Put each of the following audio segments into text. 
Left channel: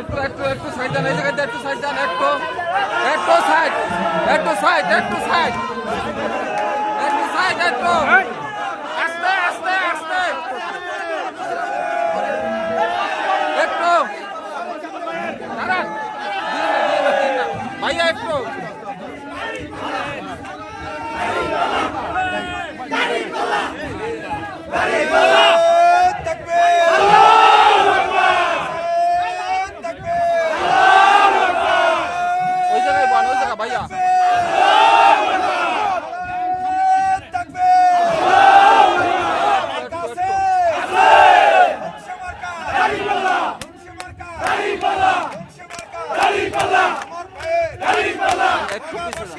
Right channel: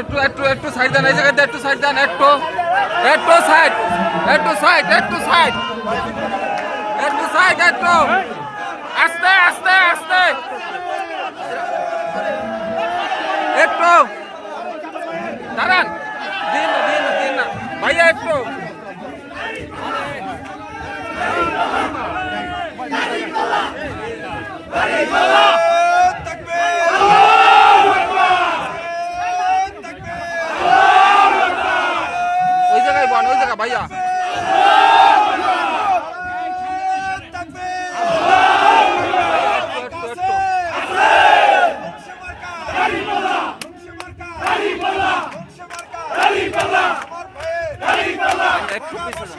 একটু একটু একটু সাইড দেন, এই জায়গাতে একটু সাইড দেন, একটু একটু সাইড, একটু সাইড, একটু সাইড, একটু সাইড, একটু আস্তে আস্তে আস্তে, একটু দাঁড়ান, দিন না দিন না দিন না ভাইয়া, একটু ওই জায়গায় বান, ওই জায়গা ভাইয়া। একটু পিছনে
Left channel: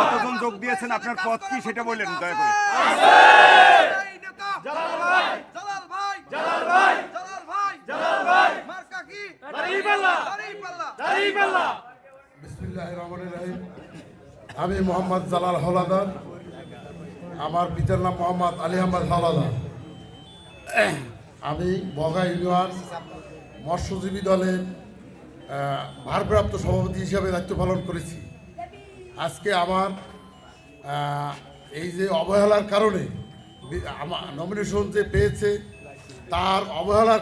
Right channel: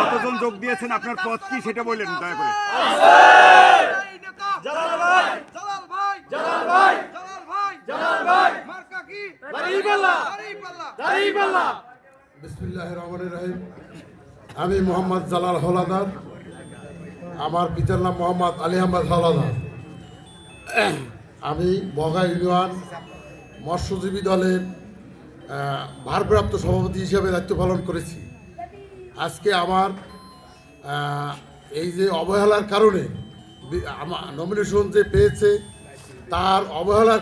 কতজন যোগ দিয়েছেন, আপনার পথ কি সেটা বললেন দয়া করে। বিসমিল্লাহির রহমানির রহিম। আমি মোহাম্মদ জালাল হলাদার, আমার পিতার নাম মোহাম্মদ আলী আহমদ হলাদার। আমি বগা ইউনিয়ন মৎস্যজীবী দলের ভারপ্রাপ্ত সভাপতি হিসাবে দায়িত্ব পালন করেছি। আজকে আমার এই যে অবহেলার কারণে আমার নমিনেশন যে পেয়েছে, তার অবহেলার